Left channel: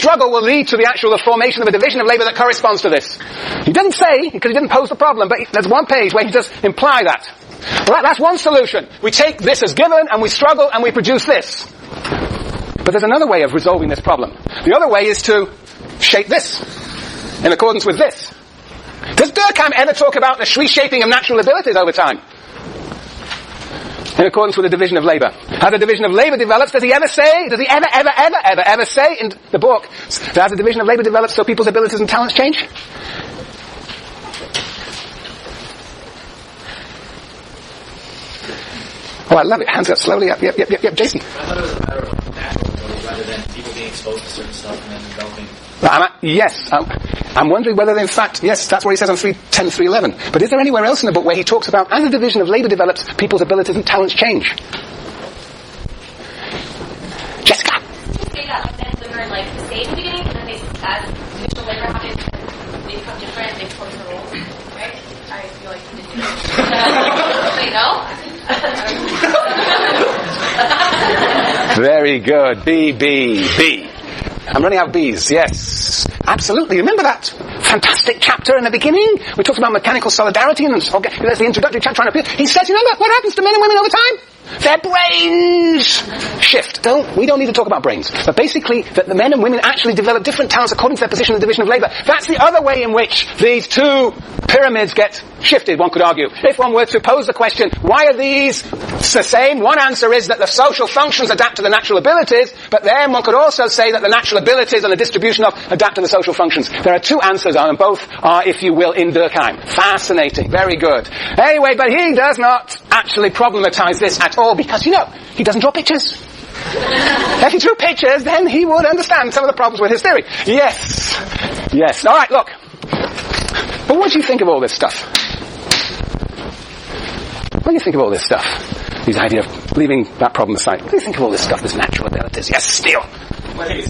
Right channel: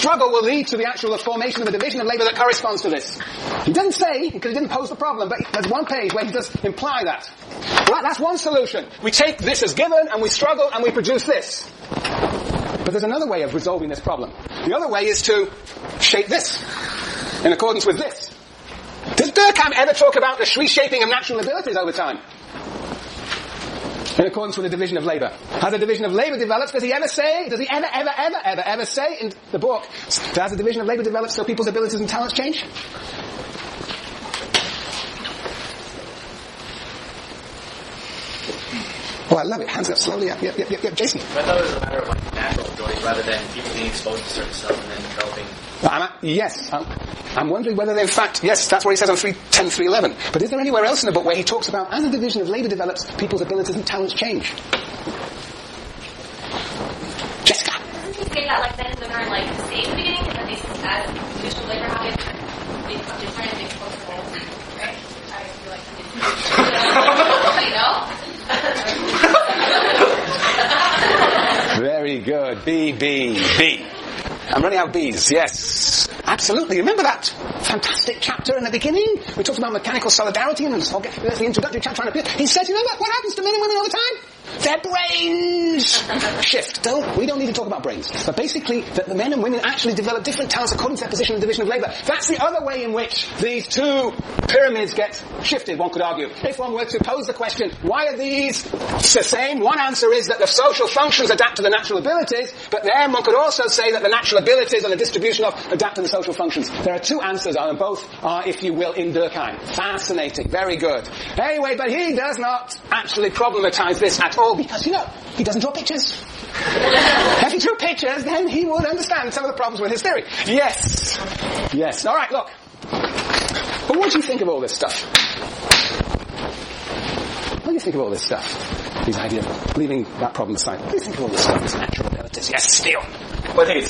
struggle will lead to the formation of a division of labour that corresponds to this. He didn't say, because he didn't pose the problem, but there's one page where he does imply that. Well, that's one solution. We take this as given, and we struggle, and we produce this. But there's another way of resolving this problem. The other way is to shape this, in accordance with this. Does Durkheim ever talk about the reshaping of natural abilities over time? In accordance with the division of labour. As a division of labour develops, does he ever say in the book, that as a division of labour develops, so people's abilities and talents change? Oh, I love it. Hands up slowly up. Yep, Jason. I thought it was a matter of like natural ability rather than people being exposed to certain stuff and then developing. I'm wondering whether, in fact, yes, that's what he says on 3:10, 3:11. But is there anywhere else in the book where he talks about, as a division of labour develops, people's abilities and talents change? Jessica. Say that like men and women are like the same in the beginning, and then they, as individual labour habits, they become different, they become their roles, right? I feel like you know. Very good. B. I'm running out of B's, yes. Absolutely. Remember that fantastic chapter in the beginning? We talked about mechanical solidarity, and there's the introductory chapter. He says, remember, what happens to men and women over time? Their brains shift. We don't need to talk about brains. But basically, that the men and women actually develop different talents according to their position in the division of labour. That's the other way in which these two pyramids get shifted, one could argue. If one were to pose the question, why are these the same? One answer is that the social functions adapt to the natural abilities, but then one could also say that the natural abilities and the distribution of adapt to the social functions. There are two answers on them, both are, if you will, in Durkheim. Fascinating. Very good. Anyway, but he does not actually problematize this at all, because, he doesn't draw pictures. If he drew pictures, then he would understand some of the problems with his theory. Yes. All right, look. But what do you think of all this stuff? What do you think of all this stuff? His idea of leaving that problem aside. What do you think of all this stuff, this natural abilities? Yes, Steele. Well, I think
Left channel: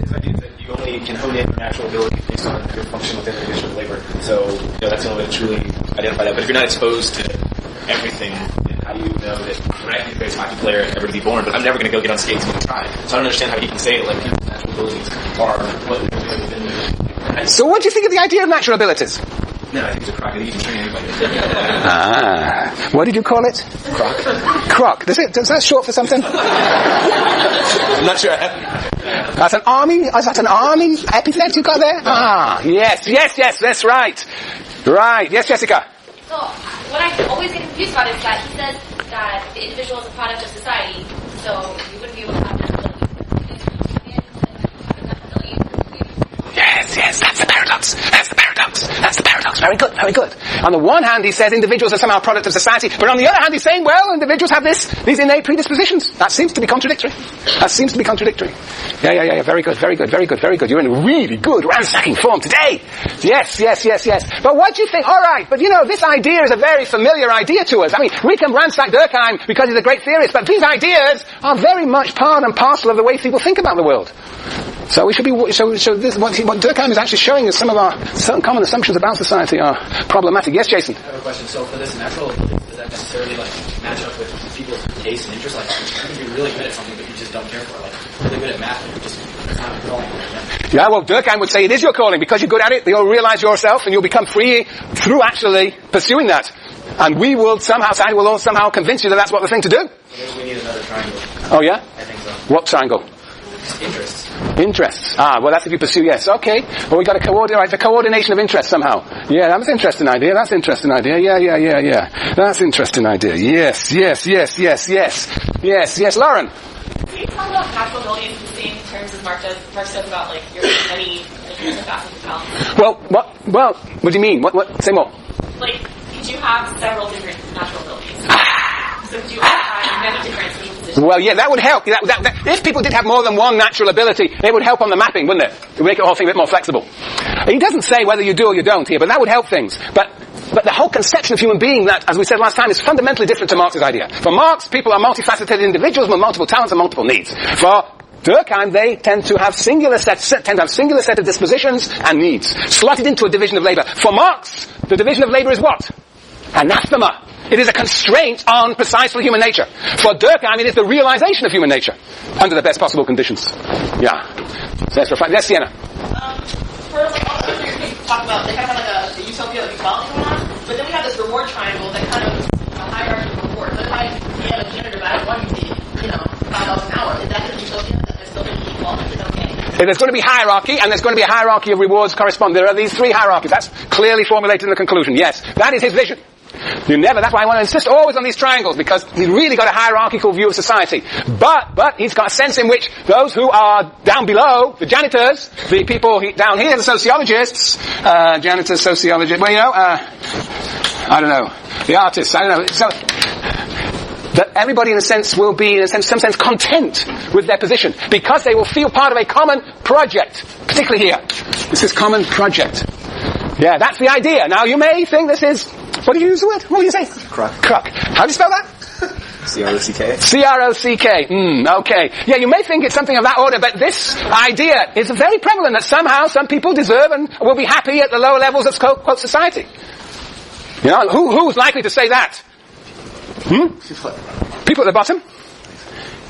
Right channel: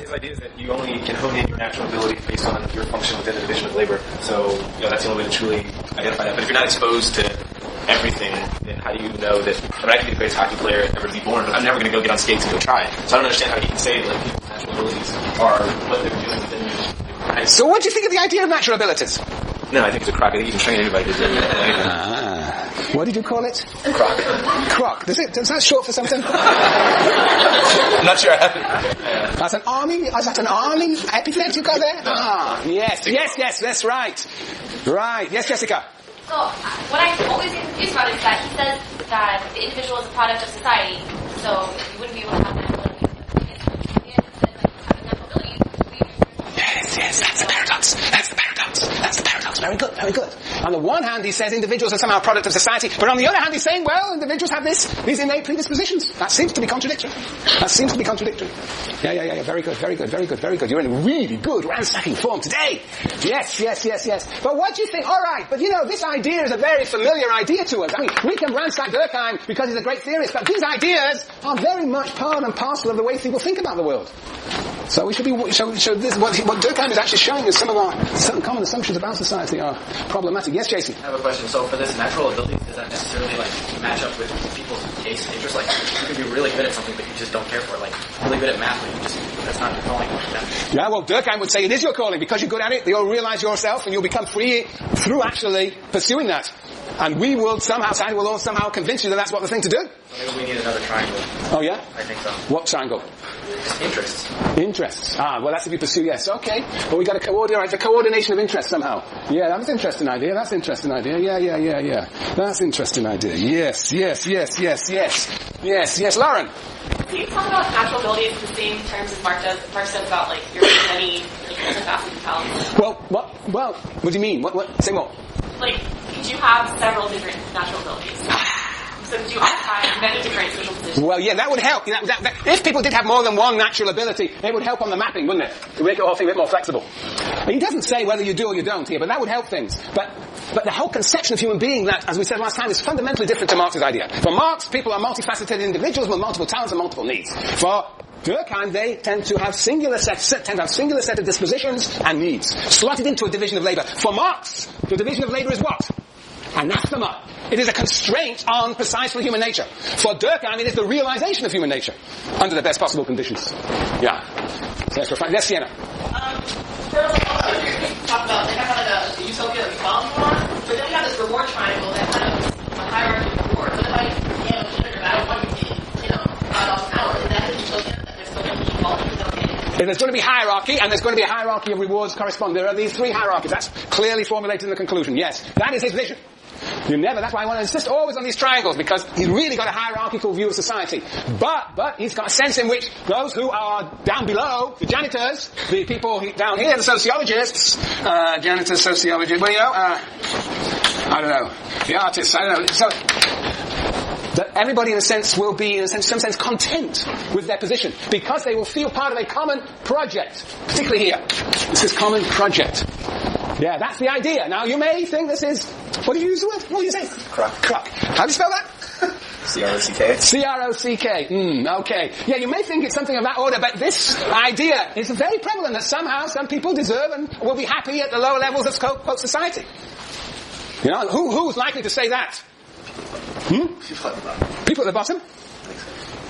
his idea is that you only can hone in your natural ability based on your function within the division of labour. So, that's the only way to truly identify that. But if you're not exposed to everything, then how do you know that I can be the greatest hockey player ever to be born, but I'm never going to go get on skates and go try. So I don't understand how he can say like people's natural abilities are what they're doing within the. So what do you think of the idea of natural abilities? No, I think it's a crock. You can train anybody. What did you call it? Croc. Is that short for something? I'm not sure. That's an army? Is that an army epithet you got there? Yes, that's right. Right. Yes, Jessica. So, what I always get confused about is that he says that the individual is a product of society, so you wouldn't be able to have natural abilities. Yes, that's the paradox. Very good. On the one hand, he says individuals are somehow a product of society, but on the other hand, he's saying, well, individuals have these innate predispositions. That seems to be contradictory. Yeah. Very good. You're in really good ransacking form today. Yes. But what do you think? All right, but this idea is a very familiar idea to us. I mean, we can ransack Durkheim because he's a great theorist, but these ideas are very much part and parcel of the way people think about the world. So we should be. So this what Durkheim is actually showing is some of our certain common assumptions about society are problematic. Yes, Jason. I have a question. So for this natural ability, does that necessarily match up with people's taste and interest? Like you can be really good at something, but you just don't care for it. Like really good at math, but that's not your calling. Yeah, well, Durkheim would say it is your calling because you're good at it. You'll realize yourself, and you'll become free through actually pursuing that. And we will somehow convince you that that's what the thing to do. So maybe we need another triangle. Oh yeah? I think so. What triangle? Interests. Well, that's if you pursue, yes. Okay. Well, we got to coordinate, the coordination of interests somehow. Yeah, that was an interesting idea. Yeah. That's an interesting idea. Yes, Lauren. Can you talk about natural abilities in the same terms as Marx does about, your many, different facets of talent? Well, what do you mean? What, say more. Could you have several different natural abilities? So could you occupy many different social positions? Well, yeah, that would help. If people did have more than one natural ability, it would help on the mapping, wouldn't it? To make the whole thing a bit more flexible. He doesn't say whether you do or you don't here, but that would help things. But the whole conception of human being, that, as we said last time, is fundamentally different to Marx's idea. For Marx, people are multifaceted individuals with multiple talents and multiple needs. For Durkheim, they tend to have singular set of dispositions and needs, slotted into a division of labour. For Marx, the division of labour is what? Anathema. It is a constraint on precisely human nature. For Durkheim, it is the realization of human nature under the best possible conditions. Yeah. So that's right. Yes, Sienna. First, also, you talk about, they kind of like a utopia of equality going on, but then we have this reward triangle that kind of is a hierarchy of reward. So like, yeah, the gender divide, one you did, $5 an hour. Is that the utopia that there's still going to be equality? Okay. There's going to be hierarchy, and there's going to be a hierarchy of rewards correspond. There are these three hierarchies. That's clearly formulated in the conclusion. Yes, that is his vision. That's why I want to insist always on these triangles, because he's really got a hierarchical view of society. But he's got a sense in which those who are down below, the janitors, the people down here, the sociologists, janitors, sociologists, I don't know, the artists, I don't know. So, that everybody in a sense will be, in some sense, content with their position, because they will feel part of a common project, particularly here. This is common project. Yeah, that's the idea. Now, you may think this is, what did you use the word? What did you say? Crock. How do you spell that? C-R-O-C-K. C-R-O-C-K. Okay. Yeah, you may think it's something of that order, but this idea is very prevalent, that somehow some people deserve and will be happy at the lower levels of quote society. Who's likely to say that? People at the bottom?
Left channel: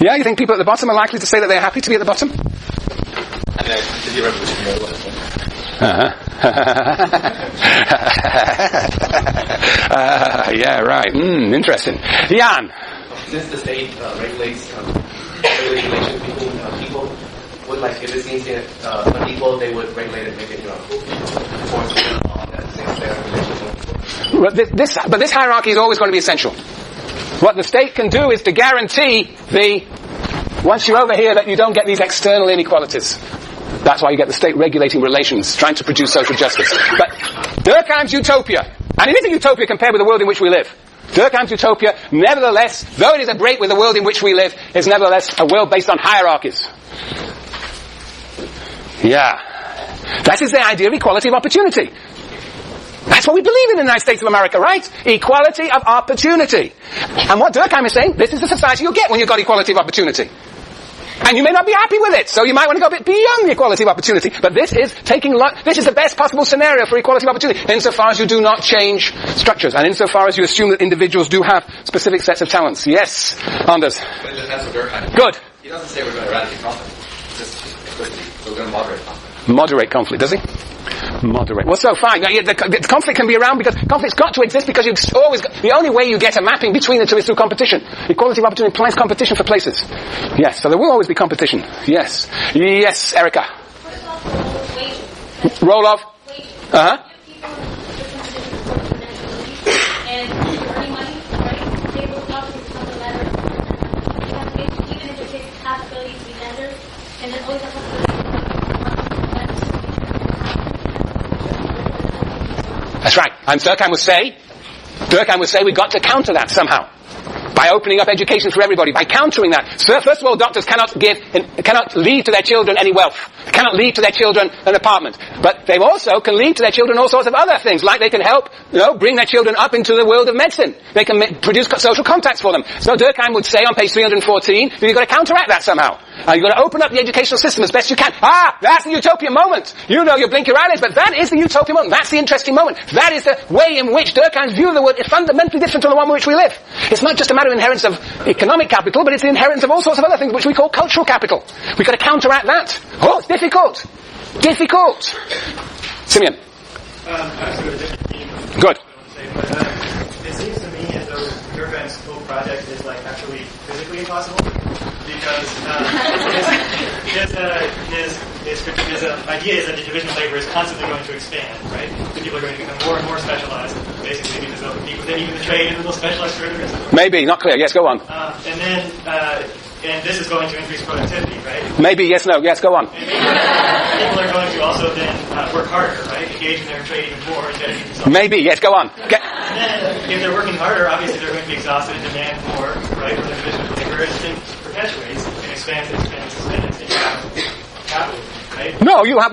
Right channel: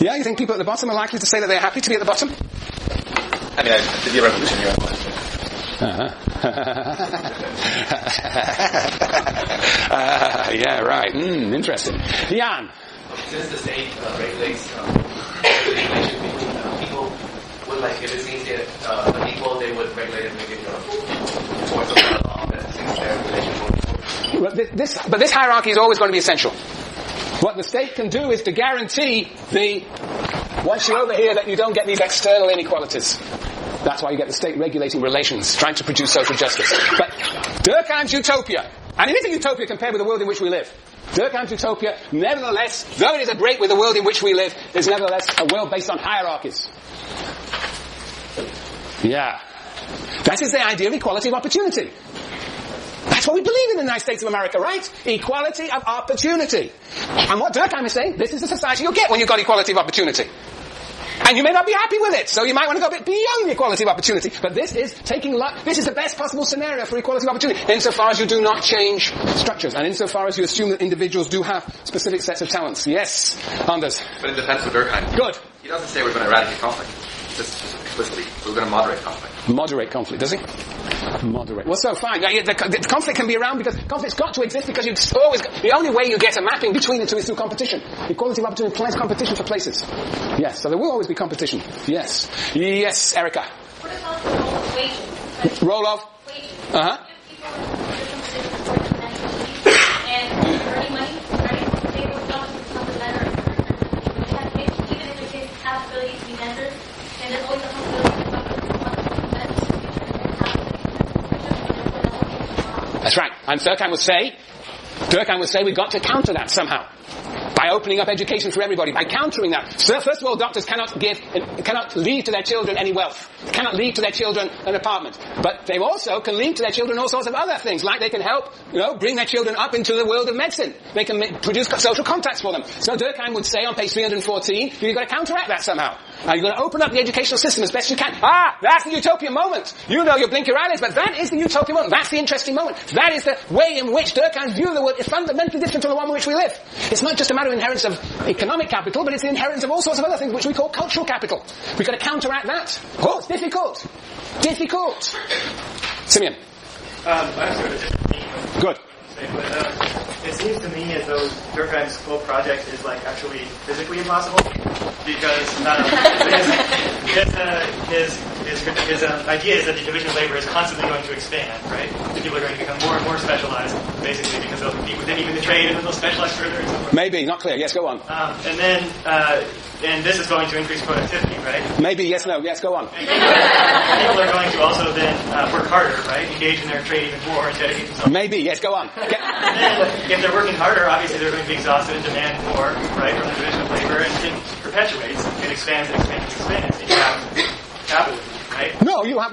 Yeah, you think people at the bottom are likely to say that they're happy to be at the bottom? I mean, did you revolution here? Yeah, right. Interesting. Jan. Since the state regulates relations between people, would if it seems unequal, they would regulate it, make it forms of law. That's the same state relations. But this hierarchy is always going to be essential. What the state can do is to guarantee once you're over here, that you don't get these external inequalities. That's why you get the state regulating relations, trying to produce social justice. But Durkheim's utopia, and it is a utopia compared with the world in which we live. Durkheim's utopia, nevertheless, though it is a break with the world in which we live, is nevertheless a world based on hierarchies. Yeah. That is the idea of equality of opportunity. That's what we believe in the United States of America, right? Equality of opportunity. And what Durkheim is saying, this is the society you'll get when you've got equality of opportunity. And you may not be happy with it, so you might want to go a bit beyond the equality of opportunity. But this is the best possible scenario for equality of opportunity, insofar as you do not change structures, and insofar as you assume that individuals do have specific sets of talents. Yes, Anders. But in defense of Durkheim, good. He doesn't say we're going to eradicate conflict. He says explicitly, we're going to moderate conflict. Moderate conflict, does he? Moderate. Well, so fine. Now, the conflict can be around because conflict's got to exist, because the only way you get a mapping between the two is through competition. Equality of opportunity implies competition for places. Yes, so there will always be competition. Yes. Yes, Erica. What is also the role of wages? Role of? Wages. Uh-huh. People different positions for financial and earning money, right? They will not become the better. They have to even if it takes possibility to be vendors, and there's always a possibility to be That's right. And Durkheim would say we've got to counter that somehow. By opening up education for everybody, by countering that. So first of all, doctors cannot leave to their children any wealth. They cannot leave to their children an apartment. But they also can leave to their children all sorts of other things, like they can help, bring their children up into the world of medicine. They can produce social contacts for them. So Durkheim would say on page 314 that you've got to counteract that somehow. You've got to open up the educational system as best you can. That's the utopian moment. You blink your eyelids, but that is the utopian moment. That's the interesting moment. That is the way in which Durkheim's view of the world is fundamentally different from the one in which we live. It's not just a matter of inheritance of economic capital, but it's the inheritance of all sorts of other things which we call cultural capital. We've got to counteract that. It's difficult. Difficult. Simeon. I sort of different. Good. It seems to me as though Durkheim's whole project is actually physically impossible, because his idea is that the division of labor is constantly going to expand, right? The people are going to become more and more specialized, basically, because they'll compete within even the trade, and then they'll specialize further and so forth. Maybe, not clear. Yes, go on. And this is going to increase productivity, right? Maybe, yes, no, yes, go on. And people are going to also then work harder, right? Engage in their trade even more and dedicate themselves. Maybe, yes, go on. And then, if they're working harder, obviously they're going to be exhausted and demand more, right, from the division of labor, and things perpetuates and expands, and you have capitalism, right? No, you have,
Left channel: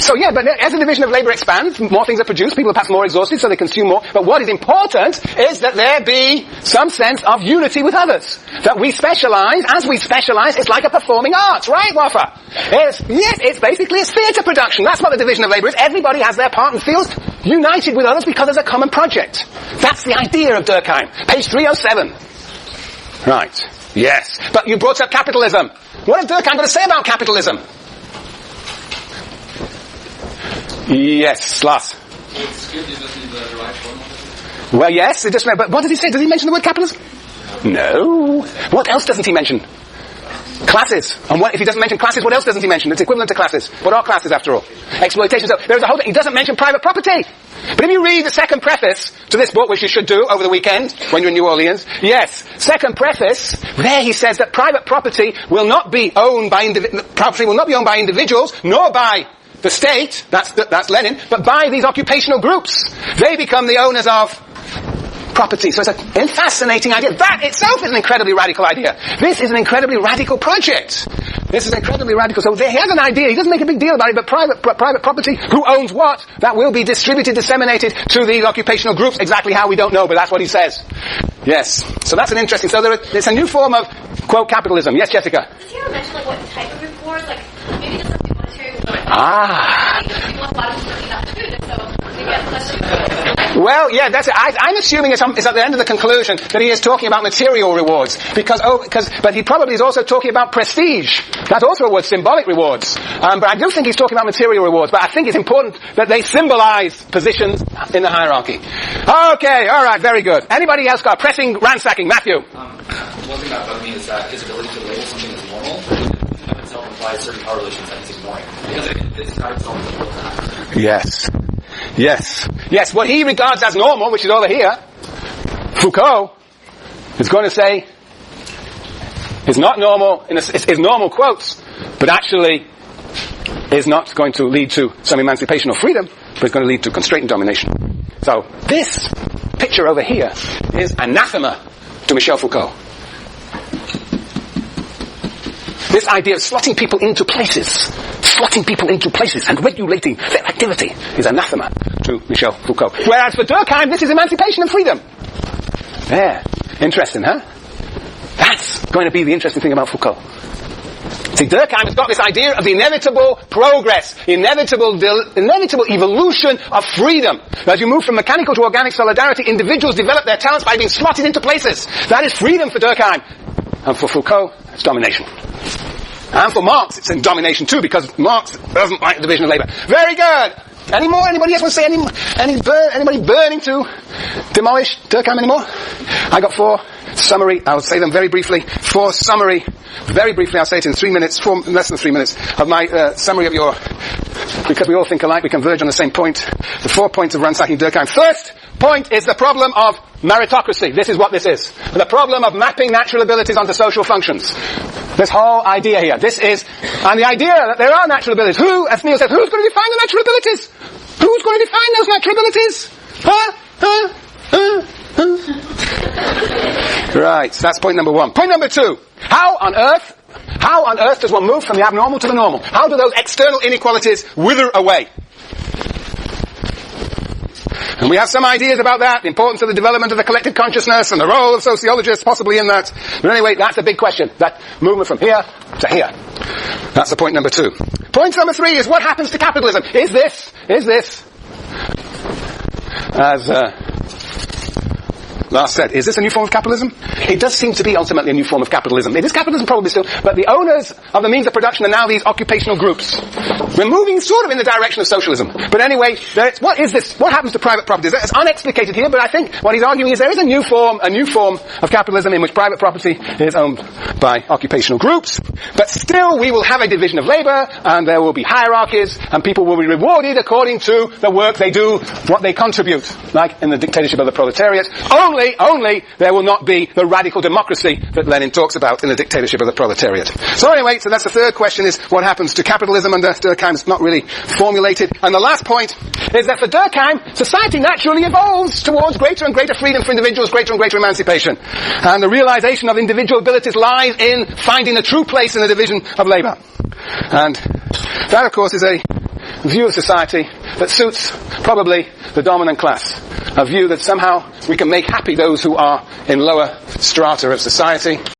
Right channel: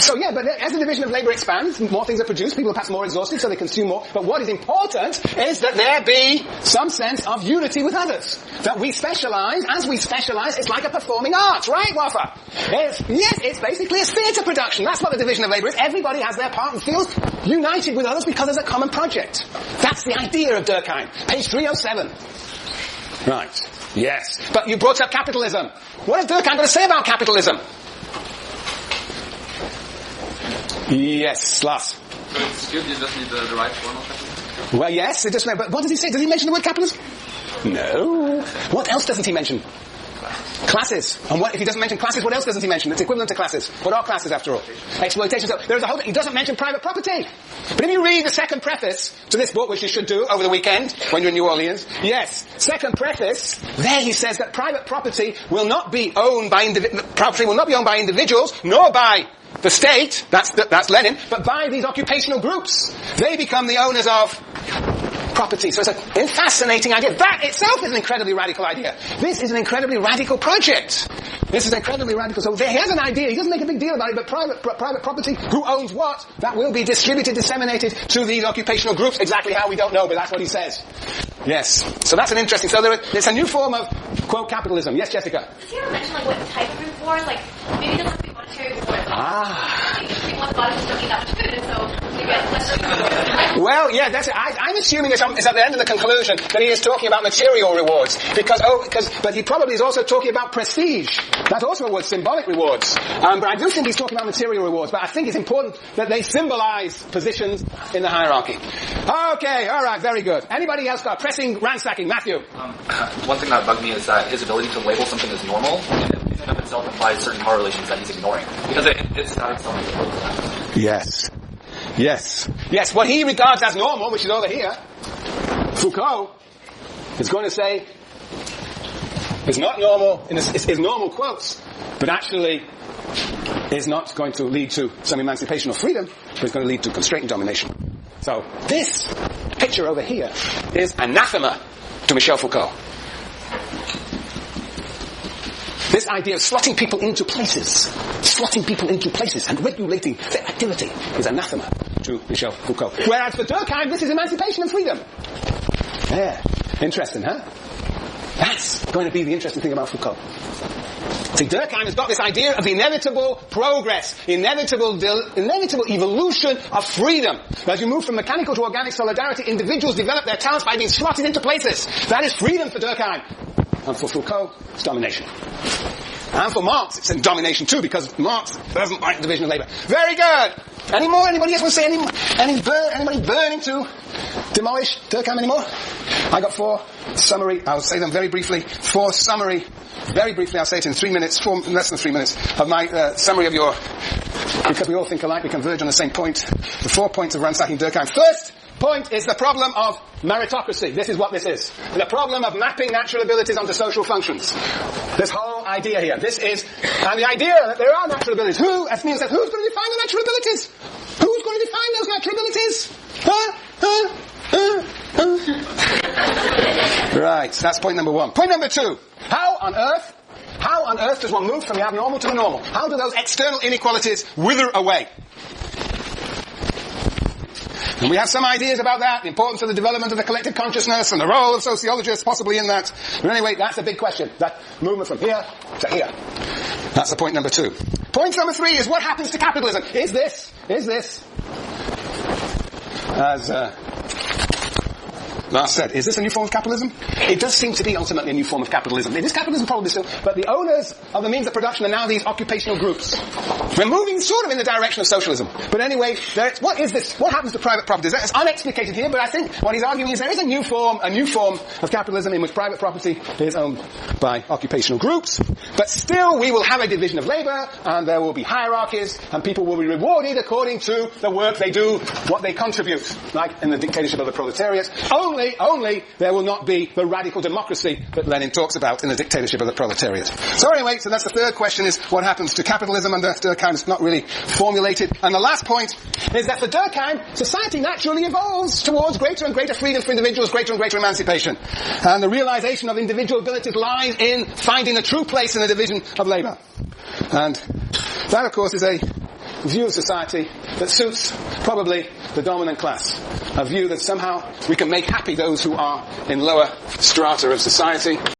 So yeah, but as the division of labor expands, more things are produced, people are perhaps more exhausted, so they consume more. But what is important is that there be some sense of unity with others. That we specialize, as we specialize, it's like a performing arts, right, Wafa? It's basically a theatre production. That's what the division of labor is. Everybody has their part and feels united with others because there's a common project. That's the idea of Durkheim. Page 307. Right. Yes. But you brought up capitalism. What has Durkheim got to say about capitalism? Yes, Lars. So it's good, you just need the right form of capitalism? Well, yes, but what does he say? Does he mention the word capitalism? No. What else doesn't he mention? Classes. And what, if he doesn't mention classes, what else doesn't he mention? It's equivalent to classes. What are classes, after all? Exploitation. So there's a whole, he doesn't mention private property. But if you read the second preface to this book, which you should do over the weekend when you're in New Orleans, yes, second preface, there he says that private property will not be owned by individuals, nor by the state, that's Lenin, but by these occupational groups. They become the owners of property. So it's a fascinating idea. That itself is an incredibly radical idea. This is an incredibly radical project. This is incredibly radical. So there, he has an idea. He doesn't make a big deal about it, but private property, who owns what, that will be distributed, disseminated to these occupational groups. Exactly how, we don't know, but that's what he says. Yes. So that's an interesting. So it's a new form of, quote, capitalism. Yes, Jessica? Did you ever mention, like, what type of reforms? Like, maybe it doesn't be monetary reform. Ah. Well, yeah, that's it. I'm assuming it's at the end of the conclusion that he is talking about material rewards, but he probably is also talking about prestige. That's also a word, symbolic rewards. But I do think he's talking about material rewards. But I think it's important that they symbolize positions in the hierarchy. Okay, all right, very good. Anybody else got a pressing ransacking? Matthew. One thing that bugged me is that his ability to label something as normal in and of itself implies certain power relations that he's ignoring, because it's not itself. Yes. What he regards as normal, which is over here, Foucault is going to say is not normal, is normal quotes, but actually is not going to lead to some emancipation or freedom, but it's going to lead to constraint and domination. So this picture over here is anathema to Michel Foucault. This idea of slotting people into places and regulating their activity is anathema to Michel Foucault. Whereas for Durkheim, this is emancipation and freedom. Yeah. Interesting, huh? That's going to be the interesting thing about Foucault. See, Durkheim has got this idea of inevitable progress, inevitable evolution of freedom. As you move from mechanical to organic solidarity, individuals develop their talents by being slotted into places. That is freedom for Durkheim. And for Foucault, it's domination. And for Marx, it's in domination too, because Marx doesn't like the division of labor. Very good. Any more? Anybody else want to say anybody burning to demolish Durkheim anymore? I got 4 summary. I'll say them very briefly. 4 summary. Very briefly, I'll say it in 3 minutes, less than 3 minutes, of my summary of your, because we all think alike, we converge on the same point. The 4 points of ransacking Durkheim. First point is the problem of meritocracy. This is what this is. The problem of mapping natural abilities onto social functions. This whole idea here. And the idea that there are natural abilities. As Neil says, who's going to define the natural abilities? Who's going to define those natural abilities? Right, so that's point number 1. Point number 2. How on earth does one move from the abnormal to the normal? How do those external inequalities wither away? And we have some ideas about that, the importance of the development of the collective consciousness and the role of sociologists possibly in that. But anyway, that's a big question, that movement from here to here. That's the point number 2. Point number 3 is what happens to capitalism? Is this, as Lars said, is this a new form of capitalism? It does seem to be ultimately a new form of capitalism. It is capitalism probably still, but the owners of the means of production are now these occupational groups. We're moving sort of in the direction of socialism. But anyway, what is this? What happens to private property? It's unexplicated here, but I think what he's arguing is there is a new form of capitalism in which private property is owned by occupational groups. But still, we will have a division of labor, and there will be hierarchies, and people will be rewarded according to the work they do, what they contribute, like in the dictatorship of the proletariat. Only there will not be the radical democracy that Lenin talks about in the dictatorship of the proletariat. So anyway, that's the third question, is what happens to capitalism under Durkheim. It's not really formulated. And the last point is that for Durkheim, society naturally evolves towards greater and greater freedom for individuals, greater and greater emancipation. And the realization of individual abilities lies in finding the true place in the division of labor. And that, of course, is a view of society that suits probably the dominant class. A view that somehow we can make happy those who are in lower strata of society.